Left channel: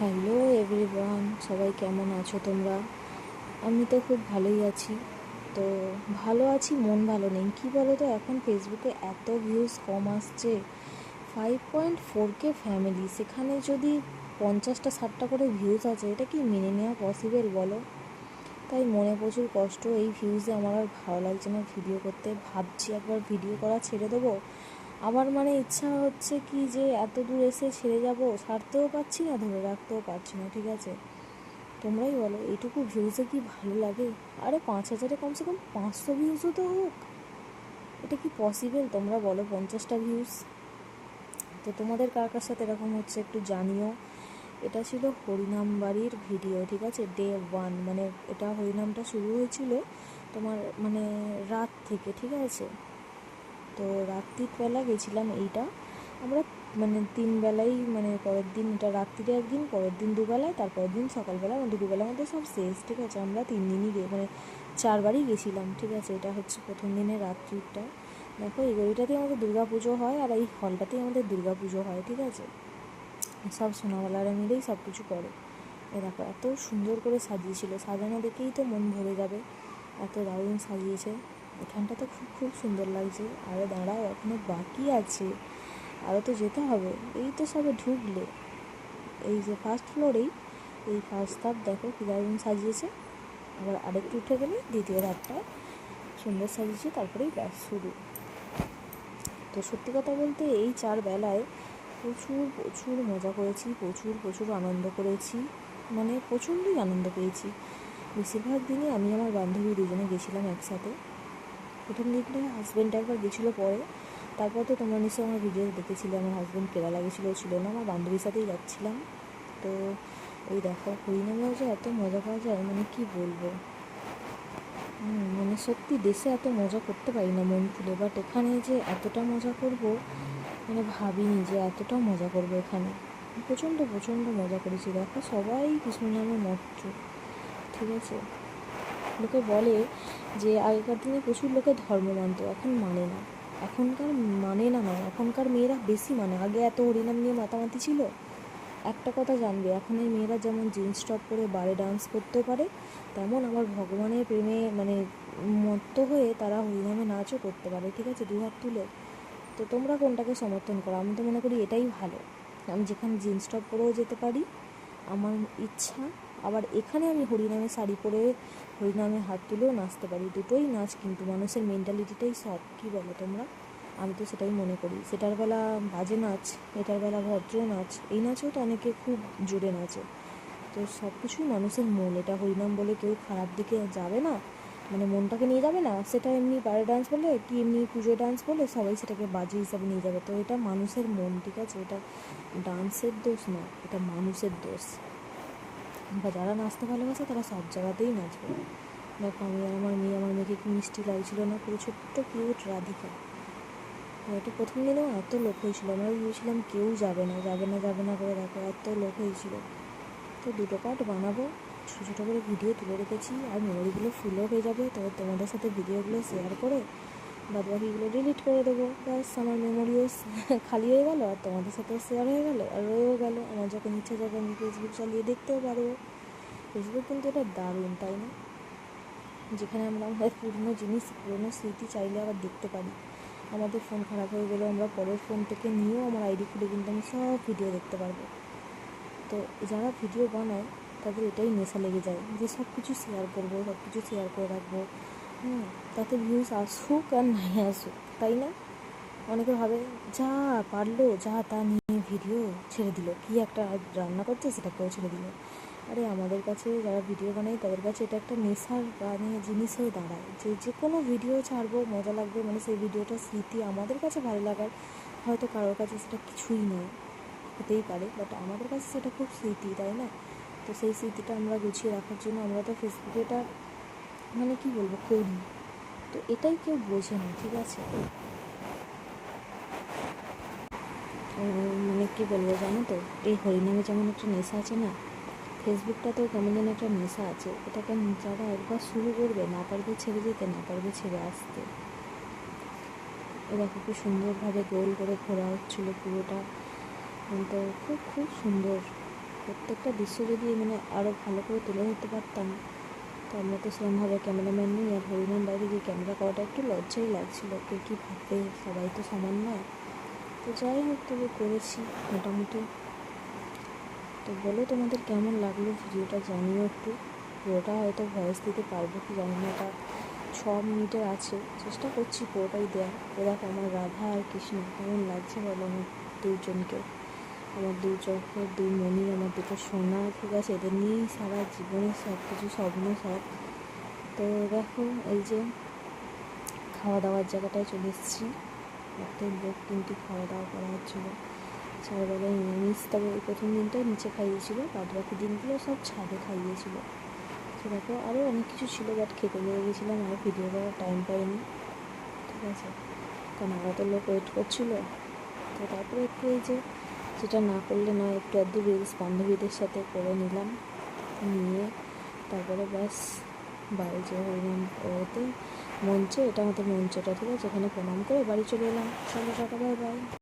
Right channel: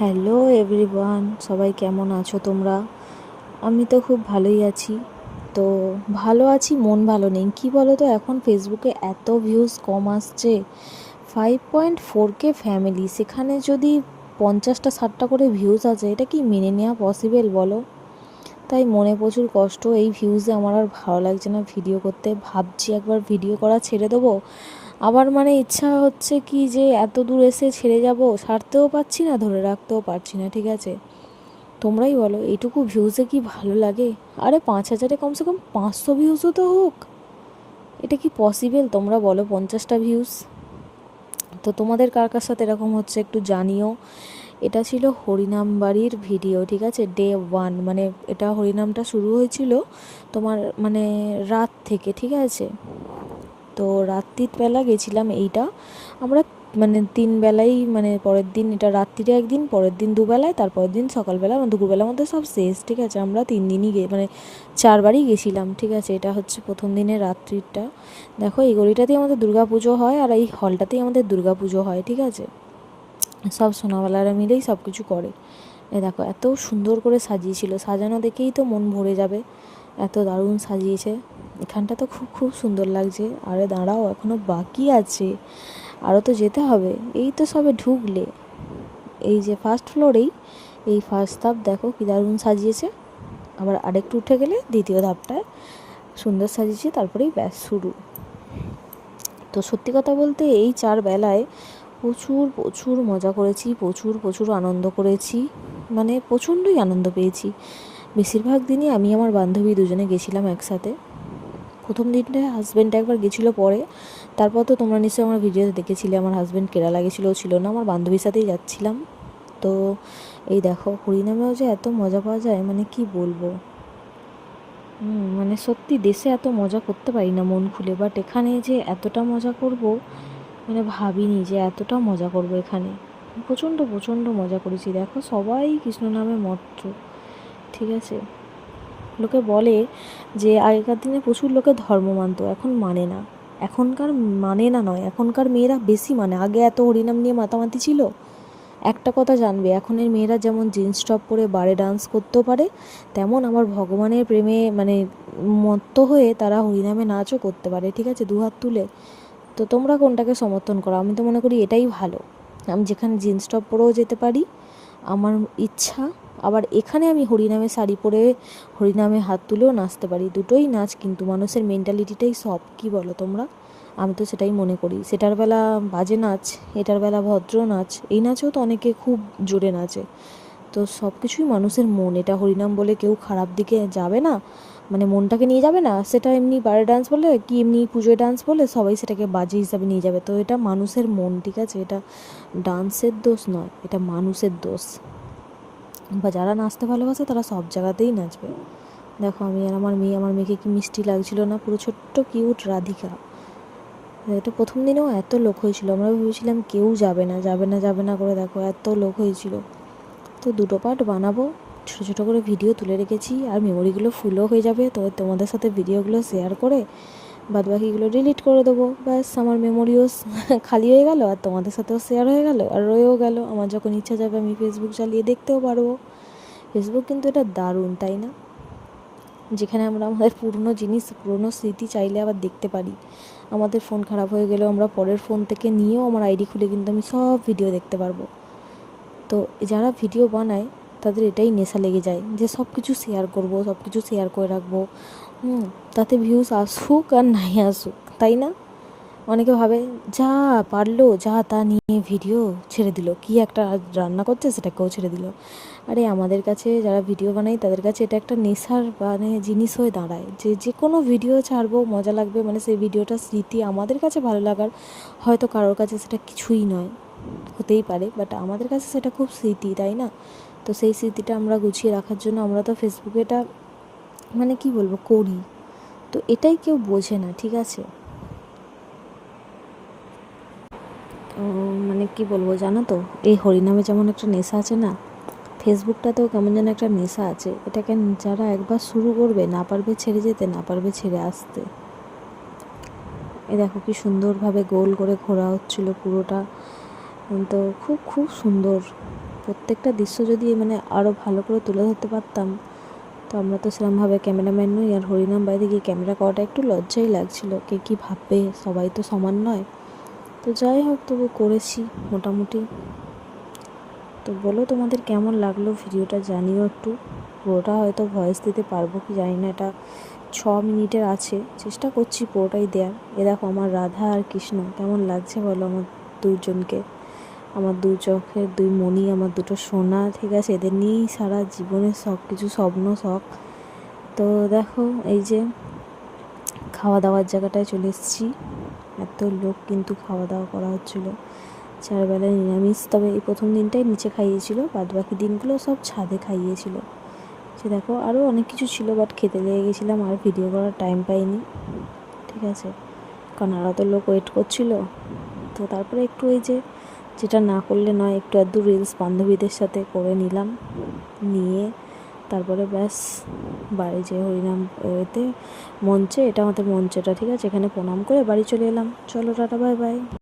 Hello everyone, সবাই কেমন আছো তোমরা? আমি তো খুব ভালোই আছি। তো ভালো আছি, মন ভালো নেই। কি বলো তো, এখন ফেসবুকে এত ভিউজ কম আসছে। 5.4K ফ্যামিলি, সেখানে যদি 50-60টা করে ভিউজ আছে, এটা কি মেনে নেওয়া পসিবল বলো? তাই মনে প্রচুর কষ্ট। এই ভিউজে আমার আর ভালো লাগছে না ভিডিও করতে। ভাবছি একবার ভিডিও করা ছেড়ে দেবো। আবার ইচ্ছা হচ্ছে কি যে এত দূর এসে ছেড়ে যাব, ছাড়তেও পারছি না, ধরে রাখতেও পারছি না। ঠিক আছে, তোমরাই বলো, এইটুকু ভিউজে কি ভালো লাগে? আরে 5,000-এ কমসে কম 500 ভিউজও তো হোক। এটা কি পসিবল তোমরা বলো? 50টা ভিউজ। তো তোমাদের কার কার সাথে এরকম হচ্ছে একটু জানিও। এটা ছিল হরিনাম বাড়ির ভিডিও, ঠিক আছে, ডে 1। এটা হরিনামটা শুরু হয়েছিল তোমার রাত থেকে, ঠিক আছে। তো রাত্রির বেলা গেছিলাম এইটা আমরা, 3 বেলাই, পরের দিন এটা রাত্রিরে একদিন, পরের দিন দুবেলায়, তারপরের দিন সকালবেলা, দুপুরবেলার মধ্যে সব শেষ, ঠিক আছে। আমরা 3 দিনই 4বারই গেছিলাম, ঠিক আছে। এটা হচ্ছে প্রথম দিনের রাত্রিটা। দেখো, এই গলিটাতেই আমাদের পুজো হয়, আর এই হলটাতেই আমাদের পুজো হয়, ঠিক আছে। সব সোনাওয়ালারা মিলেই সব কিছু করে। এই দেখো, এত সুন্দর করে সাজিয়েছিল, সাজানো দেখেই তো মন ভরে যাবে, এত দারুণ সাজিয়েছে। এখানটা তো খুব খুব সুন্দর লাগছে। আরে দাঁড়াও, এখনও বাকি আছে, আরও তো যেতে হবে। এই তো সবে ঢুকলে, এই যে ফার্স্ট ফ্লোরেই, এই ফার্স্ট ধাপ দেখো কী দারুণ সাজিয়েছে। আবার আরেকটু উঠে গেলে দ্বিতীয় ধাপটায় সুন্দর সাজিয়েছে, তারপরেই ব্যাস শুরু। তো সত্যি কথা বলতে, এই 4 বেলায় প্রচুর প্রচুর মজা করেছি, প্রচুর প্রচুর আনন্দ করেছি, প্রচণ্ডই আনন্দ পেয়েছি। বেশিরভাগ দিনই আমি আমার বান্ধবী দুজনে গেছিলাম একসাথে। প্রথম দিনটায় হাজব্যান্ড একবার গেছিলো, পরে তারপর তো তোমরা নিশ্চয়ই আমার ভিডিওতে দেখেছিলে, আমার হাজব্যান্ড কেরালা গেছিলো, ছিল না, আমার বান্ধবীর সাথেই যাচ্ছিলাম। তো এই দেখো, হরিনামেও যে এত মজা পাওয়া যায়, কি বলবো। সত্যি দেশে এত মজা করতে পারি না মন খুলে, বাট এখানে যে এতটা মজা করব, ভাবিনি যে এতটা মজা করবো এখানে। প্রচণ্ড প্রচণ্ড মজা করেছি। দেখো, সবাই কৃষ্ণ নামে মত্ত, ঠিক আছে। লোকে বলে যে আগেকার দিনে প্রচুর লোকে ধর্ম মানত, এখন মানে না। এখনকার মানে না নয়, এখনকার মেয়েরা বেশি মানে। আগে এত হরিনাম নিয়ে মাতামাতি ছিল। একটা কথা জানবে, এখনের মেয়েরা যেমন জিন্স টপ পরে বারে ডান্স করতেও পারে, তেমন আমার ভগবানের প্রেমে মত্ত হয়ে তারা হরিনামে নাচও করতে পারে, ঠিক আছে, দুহাত তুলে। তো তোমরা কোনটাকে সমর্থন করো? আমি তো মনে করি এটাই ভালো। আমি যেখানে জিন্স টপ পরেও যেতে পারি, আমার ইচ্ছা, আবার এখানে আমি হরিনামে শাড়ি পরে হরিনামে হাত তুলেও নাচতে পারি। দুটোই নাচ, কিন্তু মানুষের মেন্টালিটিটাই সব, কি বলো তোমরা? আমি তো সেটাই মনে করি। সেটার বেলা বাজে নাচ, এটার বেলা ভদ্র নাচ। এই নাচেও তো অনেকে খুব জোরে নাচে। তো সব কিছুই মানুষের মন। এটা হরিনাম বলে কেউ খারাপ দিকে যাবে না, মনটাকে নিয়ে যাবে না। সেটা এমনি বারে ডান্স বলে কি, এমনি পুজোয় ডান্স বলে সবাই সেটাকে বাজে হিসাবে নিয়ে যাবে। তো এটা মানুষের মন, ঠিক আছে। এটা ডান্সের দোষ নয়, এটা মানুষের দোষ। বা যারা নাচতে ভালোবাসে তারা সব জায়গাতেই নাচবে। দেখো, আমি আর আমার মেয়ে, আমার মেয়েকে কি মিষ্টি লাগছিল না, পুরো ছোট্ট কিউট রাধিকা। এটা প্রথম দিনেও এত লোক হয়েছিল, আমরা ভেবেছিলাম কেউ যাবে না যাবে না যাবে না করে, দেখো এত লোক হয়েছিল। তো 2টো পার্ট বানাবো, ছোটো ছোটো করে ভিডিও তুলে রেখেছি, আর মেমোরিগুলো ফুলও হয়ে যাবে। তো তোমাদের সাথে ভিডিওগুলো শেয়ার করে বাদবাকিগুলো ডিলিট করে দেবো, ব্যাস আমার মেমোরিও খালি হয়ে গেল, আর তোমাদের সাথেও শেয়ার হয়ে গেল, আর রয়েও গেল। আমার যখন ইচ্ছা যাবে আমি ফেসবুক চালিয়ে দেখতেও পারবো। ফেসবুক কিন্তু এটা দারুণ, তাই না? যেখানে আমরা আমাদের পুরনো জিনিস, পুরনো স্মৃতি চাইলে আবার দেখতে পারি। আমাদের ফোন খারাপ হয়ে গেলেও আমরা পরের ফোন থেকে নিয়েও আমার আইডি খুলে কিন্তু আমি সব ভিডিও দেখতে পারবো। তো যারা ভিডিও বানায় তাদের এটাই নেশা লেগে যায় যে সব কিছু শেয়ার করবো, সব কিছু শেয়ার করে রাখবো। তাতে ভিউজ আসুক আর নাই আসুক, তাই না? অনেকে ভাবে যা পারলো যা তা নিয়ে ভিডিও ছেড়ে দিল, কি একটা রান্না করছে সেটাকেও ছেড়ে দিল। আরে আমাদের কাছে যারা ভিডিও বানায় তাদের কাছে এটা একটা নেশার জিনিস হয়ে দাঁড়ায়, যে যে কোনো ভিডিও ছাড়বো, মজা লাগবে, সেই ভিডিওটা স্মৃতি আমাদের কাছে ভালো লাগার। হয়তো কারোর কাছে সেটা কিছুই নয়, হতেই পারে, বাট আমাদের কাছে সেটা খুব স্মৃতি, তাই না? তো সেই স্মৃতিটা আমরা গুছিয়ে রাখার জন্য আমরা তো ফেসবুকে এটা কি বলবো করি। তো এটাই কেউ বোঝে না, ঠিক আছে। কি বলবো জানো তো, এই হরিনামে যেমন একটা নেশা আছে না, ফেসবুকটাতেও কেমন যেন একটা নেশা আছে। এটাকে যারা একবার শুরু করবে, না পারবে ছেড়ে যেতে, না পারবে ছেড়ে আসতে। এ দেখো কি সুন্দরভাবে গোল করে ঘোরা হচ্ছিলো পুরোটা। তো খুব খুব সুন্দর। প্রত্যেকটা দৃশ্য যদি মানে আরও ভালো করে তুলে ধরতে পারতাম। তো আমরা তো সেরকমভাবে ক্যামেরাম্যান নই, আর হরিনাম বাইরে গিয়ে ক্যামেরা করাটা একটু লজ্জাই লাগছিলো, কে কী ভাববে, সবাই তো সমান নয়। তো যাই হোক, তবু করেছি মোটামুটি। তো বলো তোমাদের কেমন লাগলো ভিডিওটা, জানিও একটু। পুরোটা হয়তো ভয়েস দিতে পারবো কি জানি না, এটা 6 মিনিটের আছে, চেষ্টা করছি পুরোটাই দেয়া। এ দেখো আমার রাধা আর কৃষ্ণ, কেমন লাগছে বলো আমার দুজনকে, আমার দু চোখের দুই মণি, আমার দুটো সোনা, ঠিক আছে, এদের নিয়েই সারা জীবনের সব কিছু স্বপ্ন শখ। তো দেখো এই যে খাওয়া দাওয়ার জায়গাটায় চলে এসেছি, এত লোক কিন্তু খাওয়া দাওয়া করা হচ্ছিলো। 4 বেলায় নিরামিষ, তবে এই প্রথম দিনটাই নিচে খাইয়েছিল, বাদ বাকি দিনগুলো সব ছাদে খাইয়েছিল। সে দেখো আরও অনেক কিছু ছিল, বাট খেতে লেগে গেছিলাম, আর ভিডিও করার টাইম পাইনি, ঠিক আছে, কারণ আরও তো লোক ওয়েট করছিল। তো তারপরে একটু এই যে, যেটা না করলে নয়, একটু আধটু রিলস বান্ধবীদের সাথে করে নিলাম, নিয়ে তারপরে ব্যাস বাড়ি যে হরিনাম এতে মঞ্চে, এটা আমাদের মঞ্চটা, ঠিক আছে, এখানে প্রণাম করে বাড়ি চলে এলাম। চলো টাটা, বাই বাই।